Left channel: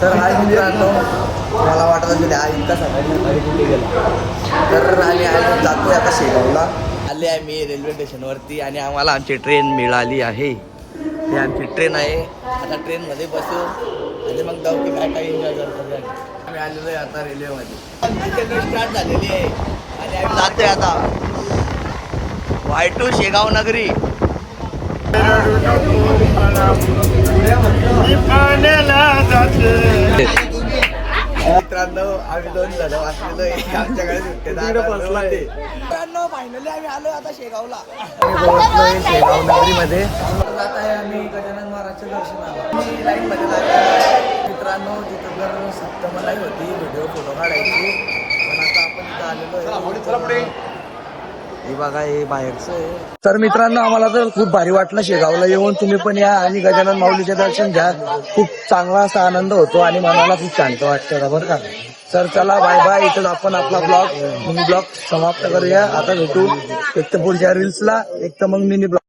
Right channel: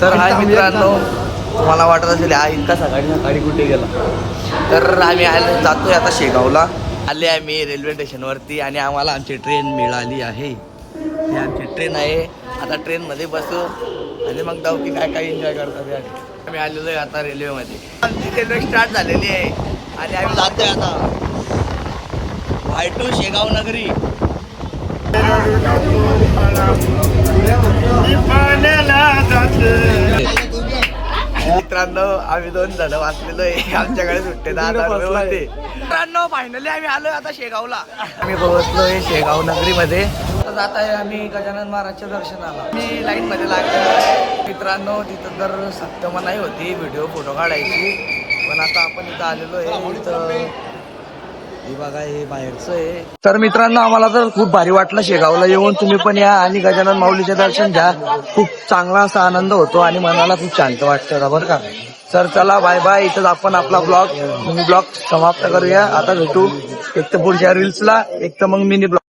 तर हाय मित्रांनो, मला वाटत असेल हा इतका सकाळी कुठे गेला. तर आम्ही जातोय आता शेगावला. आले आम्ही रेल्वे स्टेशनवरती आणि आम्हाला आमची ट्रेन मिळाली आहे. ही आमची ट्रेन आहे. आता ट्रेनमध्ये बसू आणि मग जाऊ की काय काय एन्जॉय करतो. आम्ही आलेलो आहे आता रेल्वेमध्ये. आमची रेल्वे स्टार्ट झालेली आहे आणि आम्ही जातोय आता Y2 शेगाव नगरी. मित्रांनो, आम्ही 2 जण वाचलेलो आहे. आमच्याकडे सुट्टे मित्रांनो, फायनली आम्ही आलोय आता शेगावला. आम्ही पोहोचलोय शेगाव नगरीमध्ये. जात आहे आम्ही गजानन महाराजच्या दर्शनाला. मी लाईन मध्ये लागलो मित्रांनो. तिथं जर सत्यमनाई होती व्हिडिओ फोटो काढायची, पण आता आपण इथं आलेलो आहे. हे बघा, हे बाहेरचं आहे. तर मित्रांनो, आम्हाला तर खूप भारी वाटलं शेगावला येऊन. तुम्ही पण या आणि गजानन माऊलीचे दर्शन घ्या. खूप चांगला असा आनंद होतो आणि मनाला खूप शांत वाटतं बरं का. तर चला, बाय बाय. इथंच आपण आपला ब्लॉग समाप्त करूया. आता भेटू एक तर पुढच्या रील्सला, एक तर मग मिनी ब्लॉग.